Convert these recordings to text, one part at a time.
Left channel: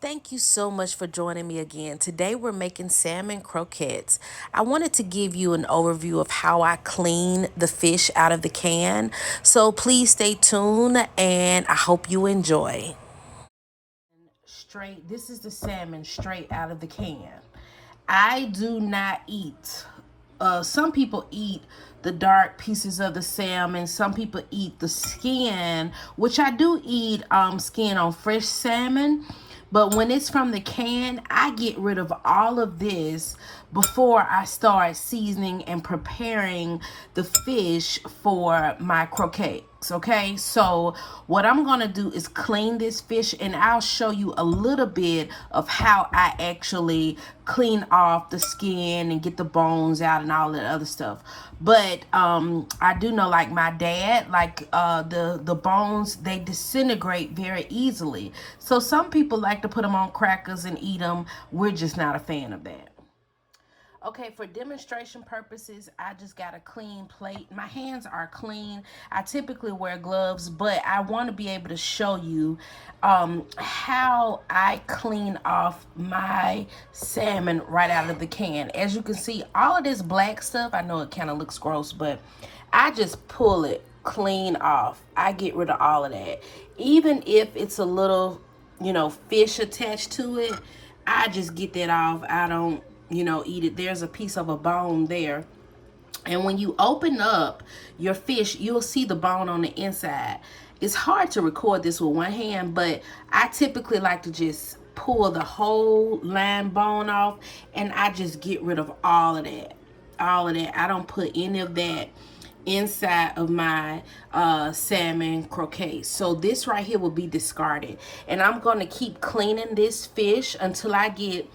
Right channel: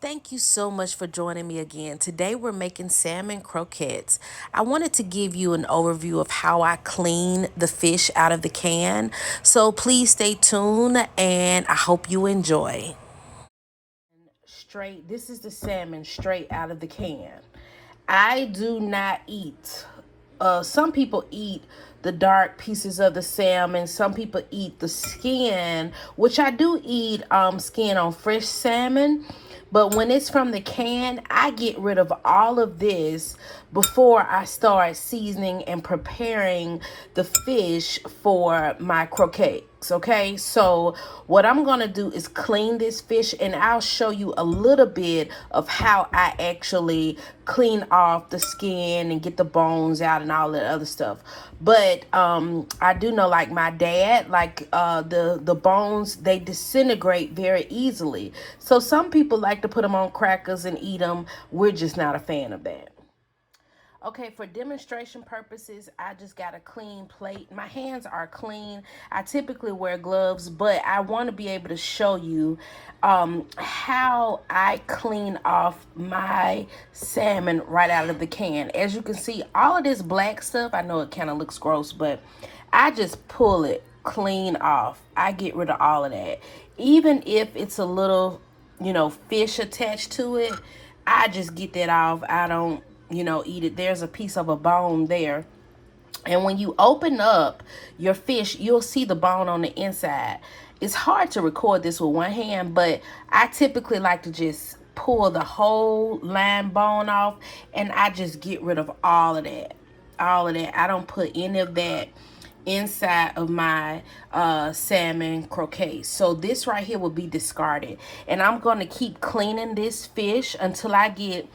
Thank you so much for joining me again. Today we're making salmon croquettes. I wanted to give you an overview of how I clean the fish out of the can. So please stay tuned and I hope you enjoy. Straight, this is the salmon straight out of the can. I do not eat. Some people eat the dark pieces of the salmon. Some people eat the skin, which I do eat skin on fresh salmon. But when it's from the can, I get rid of all of this before I start seasoning and preparing the fish for my croquettes. Okay, so what I'm gonna do is clean this fish, and I'll show you a little bit of how I actually clean off the skin and get the bones out and all that other stuff. But I do know, like my dad, like the bones, they disintegrate very easily. So some people like to put them on crackers and eat them. We're just not a fan of that. Okay, for demonstration purposes, I just got a clean plate. My hands are clean. I typically wear gloves, but I want to be able to show you how I clean off my salmon right out of the can. As you can see, all of this black stuff, I know it kind of looks gross, but I just pull it clean off. I get rid of all of that. Even if it's a little, fish attached to it, I just get that off. I don't eat it. There's a piece of a bone there. And when you open up your fish, you'll see the bone on the inside. It's hard to record this with one hand, but I typically like to just pull the whole line bone off, and I just get rid of all of that. All of that. I don't put any of that inside of my salmon croquettes. So this right here will be discarded, and I'm going to keep cleaning this fish until I get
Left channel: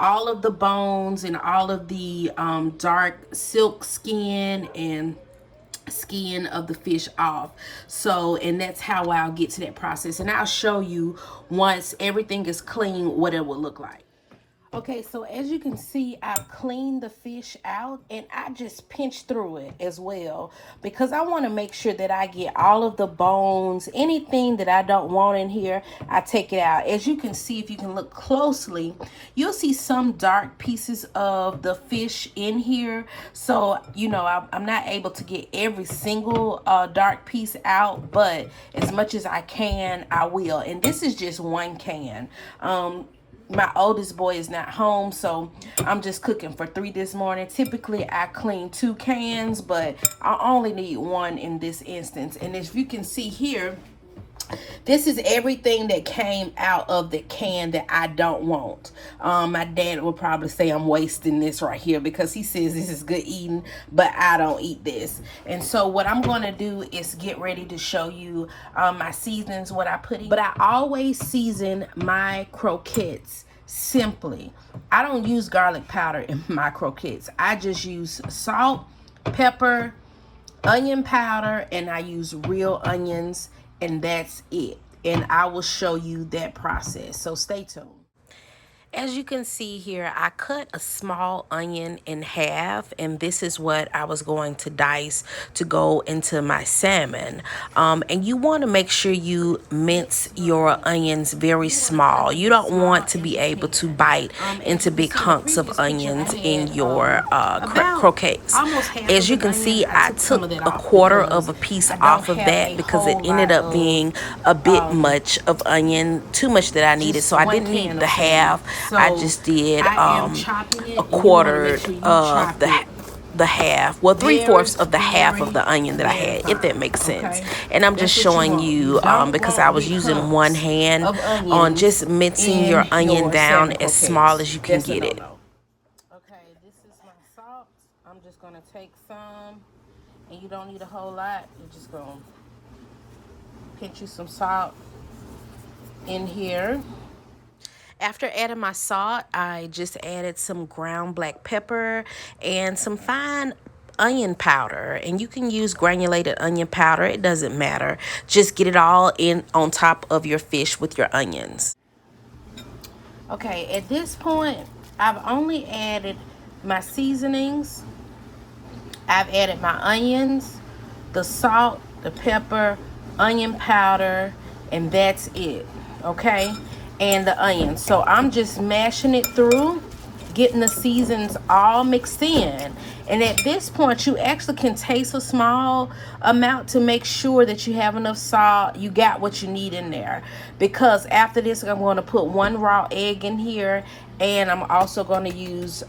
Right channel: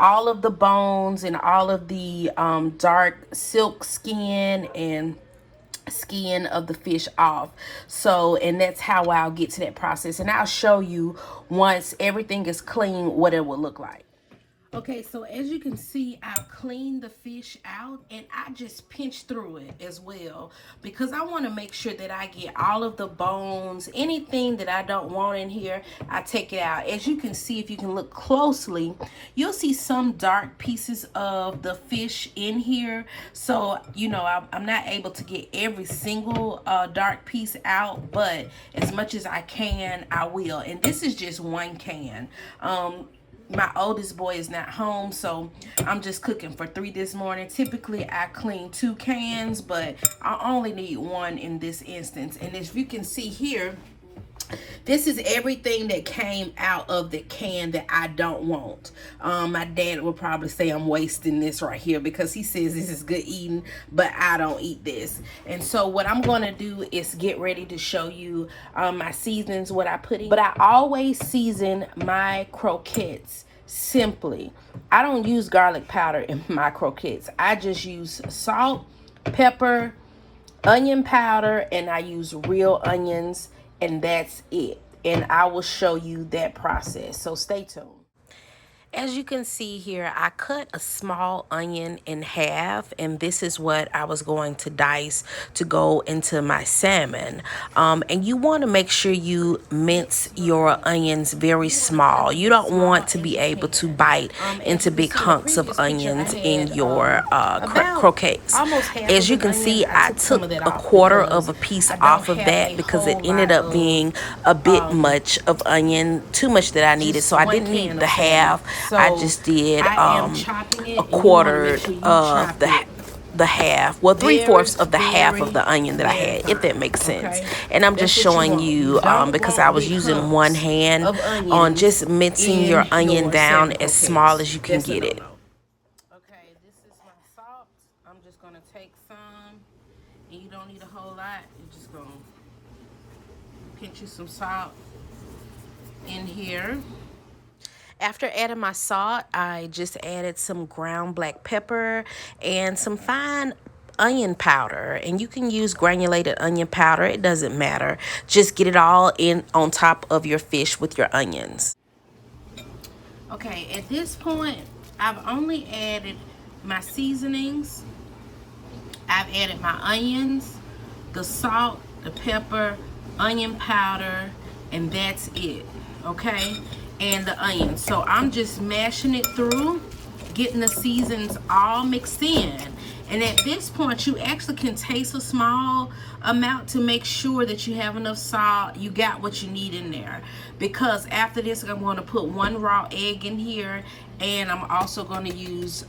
all of the bones and all of the dark silk skin and skin of the fish off. So, and that's how I'll get to that process, and I'll show you once everything is clean what it will look like. Okay, so as you can see, I've cleaned the fish out, and I just pinch through it as well because I want to make sure that I get all of the bones. Anything that I don't want in here, I take it out. As you can see, if you can look closely, you'll see some dark pieces of the fish in here. So, I'm not able to get every single dark piece out, but as much as I can, I will. And this is just one can. My oldest boy is not home, so I'm just cooking for 3 this morning. Typically I clean 2 cans, but I only need 1 in this instance. And as you can see here, this is everything that came out of the can that I don't want. My dad will probably say I'm wasting this right here because he says this is good eating, but I don't eat this. And so what I'm going to do is get ready to show you my seasonings, what I put in. But I always season my croquettes simply. I don't use garlic powder in my croquettes. I just use salt, pepper, onion powder, and I use real onions, and that's it. And I will show you that process, so stay tuned. As you can see here, I cut a small onion in half, and this is what I was going to dice to go into my salmon. And you want to make sure you mince your onions very small. You don't want to be able to bite into big hunks of onions in your croquettes. As you can see, I took a quarter of a piece off of that because it ended up being a bit much of onion, too much that I needed. So I didn't need the half. I just did a quarter of the half, well, 3/4 of the half of the onion that I had, if that makes sense. And I'm just showing you because I was using one hand on just mincing your onion down as small as you can get it. Okay, this is my salt. I'm just gonna take some, and you don't need a whole lot. You're just gonna pinch you some salt in here. After adding my salt, I just added some ground black pepper and some fine onion powder. And you can use granulated onion powder, it doesn't matter. Just get it all in on top of your fish with your onions. Okay, at this point, I've only added my seasonings. I've added my onions, the salt, the pepper, onion powder, and that's it. Okay, and the onions. So I'm just mashing it through, getting the seasons all mixed in. And at this point, you actually can taste a small amount to make sure that you have enough salt, you got what you need in there. Because after this, I'm going to put 1 raw egg in here, and I'm also going to use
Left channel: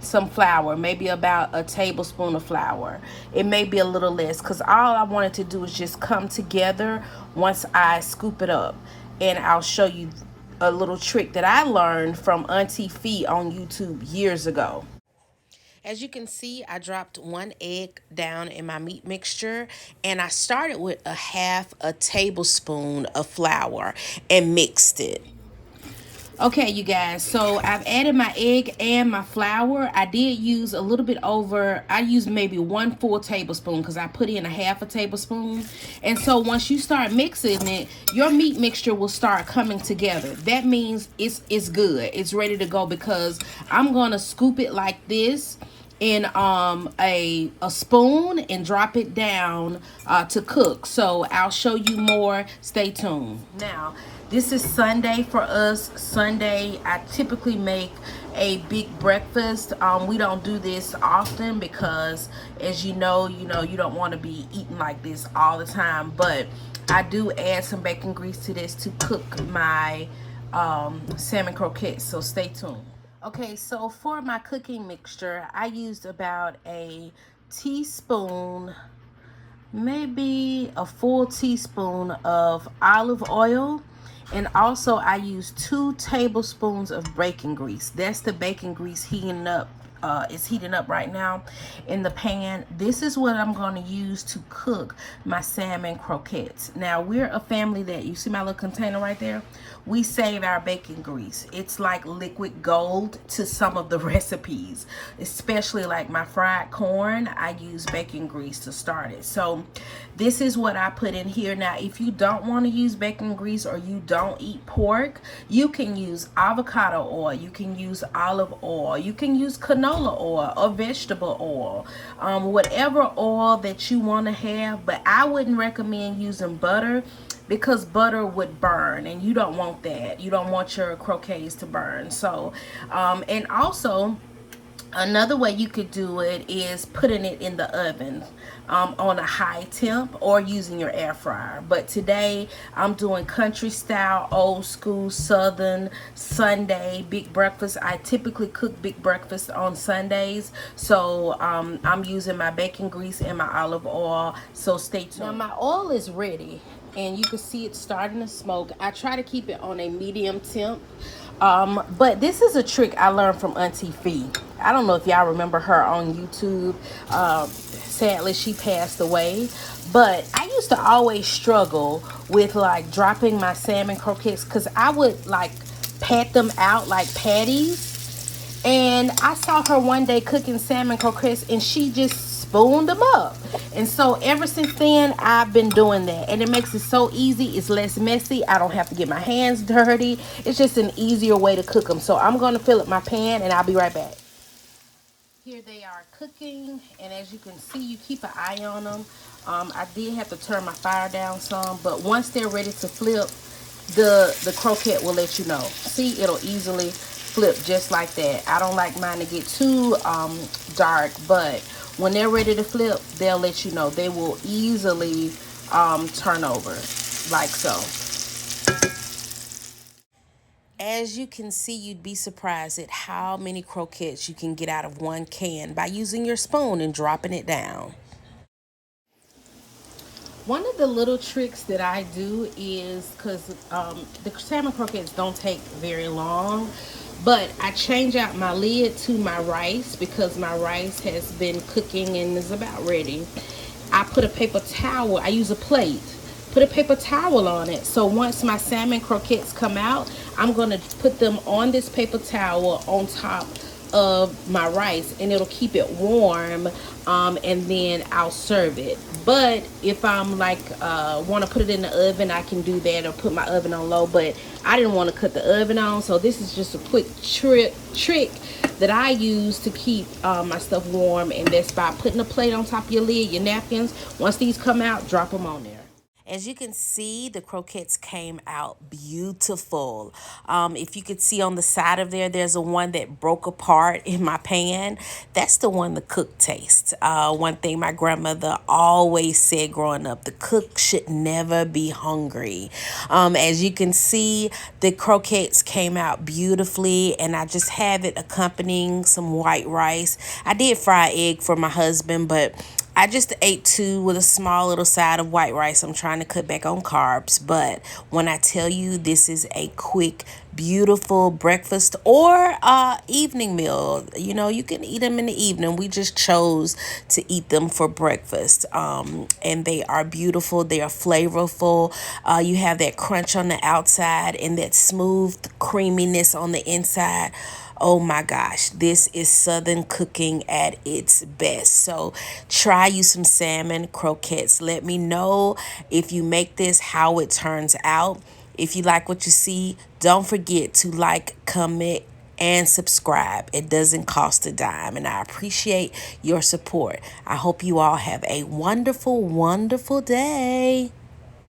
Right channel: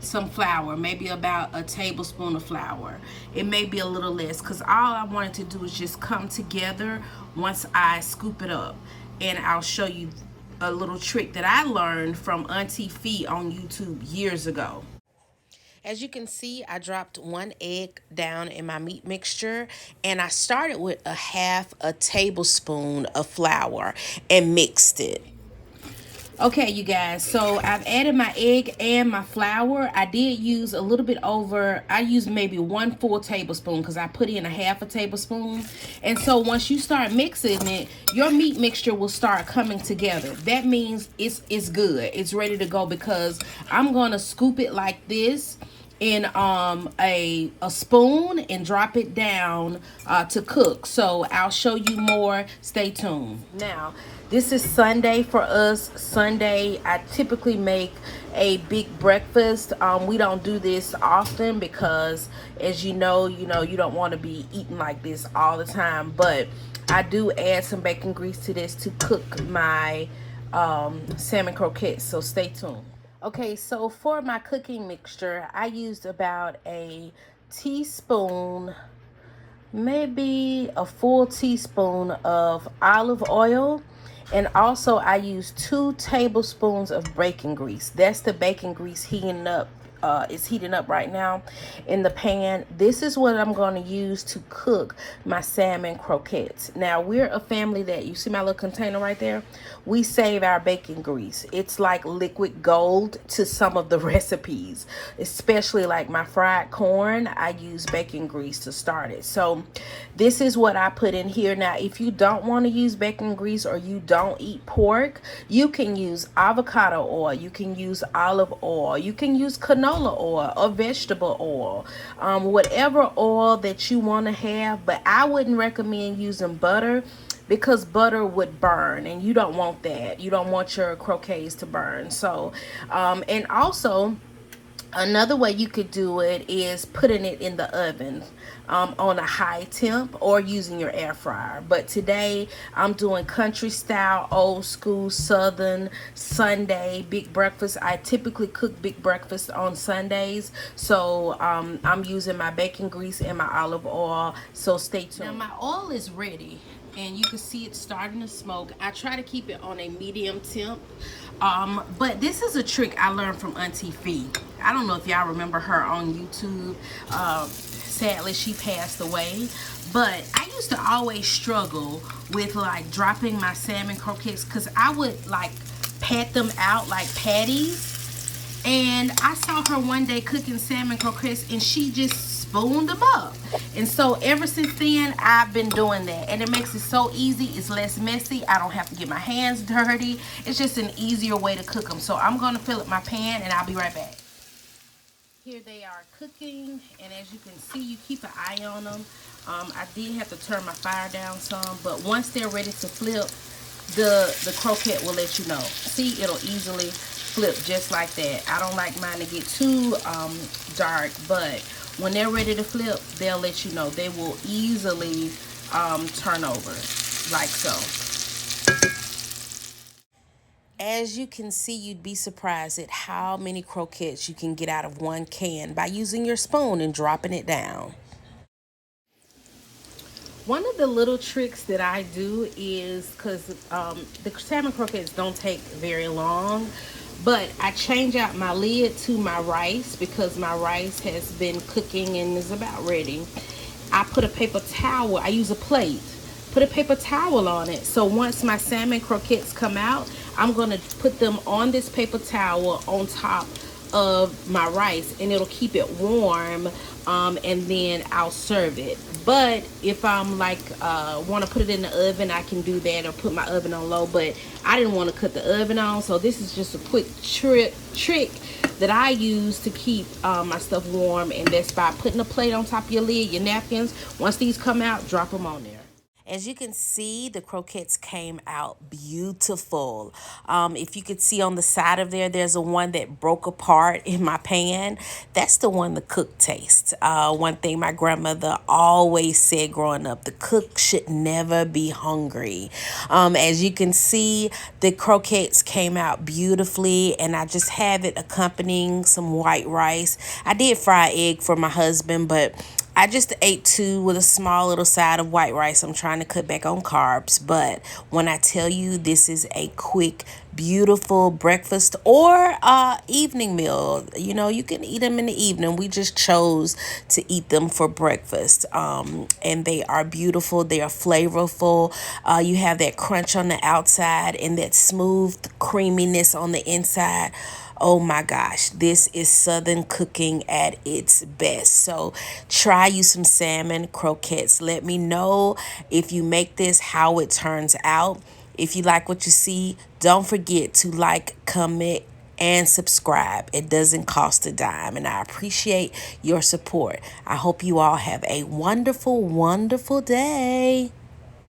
some flour, maybe about a tablespoon of flour. It may be a little less, because all I wanted to do is just come together once I scoop it up. And I'll show you a little trick that I learned from Auntie Fee on YouTube years ago. As you can see, I dropped 1 egg down in my meat mixture, and I started with a half a tablespoon of flour and mixed it. Okay, you guys, so I've added my egg and my flour. I did use a little bit over, I used maybe 1 full tablespoon because I put in a half a tablespoon. And so once you start mixing it, your meat mixture will start coming together. That means it's good. It's ready to go, because I'm going to scoop it like this in a spoon and drop it down to cook. So I'll show you more. Stay tuned. Now, this is Sunday for us. Sunday, I typically make a big breakfast. We don't do this often because, as you know, you don't want to be eating like this all the time. But I do add some bacon grease to this to cook my salmon croquettes. So stay tuned. Okay, so for my cooking mixture, I used about a teaspoon, maybe a full teaspoon of olive oil. And also I used 2 tablespoons of bacon grease. That's the bacon grease heating up. It's heating up right now in the pan. This is what I'm going to use to cook my salmon croquettes. Now, we're a family that, you see my little container right there? We save our bacon grease. It's like liquid gold to some of the recipes, especially like my fried corn. I use bacon grease to start it. So this is what I put in here. Now, if you don't want to use bacon grease, or you don't eat pork, you can use avocado oil, you can use olive oil, you can use canola oil or vegetable oil, whatever oil that you want to have. But I wouldn't recommend using butter, because butter would burn, and you don't want that. You don't want your croquettes to burn. So and also another way you could do it is putting it in the oven on a high temp, or using your air fryer. But today I'm doing country style, old school, southern Sunday big breakfast. I typically cook big breakfast on Sundays. So I'm using my bacon grease and my olive oil. So stay tuned. Now my oil is ready, and you can see it starting to smoke. I try to keep it on a medium temp. But this is a trick I learned from Auntie Fee. I don't know if y'all remember her on YouTube. Sadly, she passed away. But I used to always struggle with like dropping my salmon croquettes, because I would like pat them out like patties. And I saw her one day cooking salmon croquettes, and she just spooned them up. And so ever since then, I've been doing that, and it makes it so easy. It's less messy. I don't have to get my hands dirty. It's just an easier way to cook them. So I'm going to fill up my pan, and I'll be right back. Here they are cooking, and as you can see, you keep an eye on them. I did have to turn my fire down some, but once they're ready to flip, the croquette will let you know. See, it'll easily flip just like that. I don't like mine to get too dark, but when they're ready to flip, they'll let you know. They will easily turn over like so. As you can see, you'd be surprised at how many croquettes you can get out of one can by using your spoon and dropping it down. One of the little tricks that I do is, because the salmon croquettes don't take very long, but I change out my lid to my rice, because my rice has been cooking and is about ready. I put a paper towel, I use a plate, put a paper towel on it. So once my salmon croquettes come out, I'm going to put them on this paper towel on top of my rice, and it'll keep it warm, and then I'll serve it. But if I'm like want to put it in the oven, I can do that, or put my oven on low. But I didn't want to cut the oven on, so this is just a quick trick that I use to keep my stuff warm, and that's by putting a plate on top of your lid, your napkins. Once these come out, drop them on there. As you can see, the croquettes came out beautiful. If you could see on the side of there, there's a one that broke apart in my pan. That's the one the cook tastes. One thing my grandmother always said growing up, the cook should never be hungry. As you can see, the croquettes came out beautifully, and I just have it accompanying some white rice. I did fry egg for my husband, but I just ate two with a small little side of white rice. I'm trying to cut back on carbs, but when I tell you this is a quick, beautiful breakfast or evening meal, you know, you can eat them in the evening. We just chose to eat them for breakfast, and they are beautiful. They are flavorful. You have that crunch on the outside and that smooth creaminess on the inside. Oh my gosh, this is Southern cooking at its best. So try you some salmon croquettes. Let me know if you make this, how it turns out. If you like what you see, don't forget to like, comment, and subscribe. It doesn't cost a dime, and I appreciate your support. I hope you all have a wonderful, wonderful day.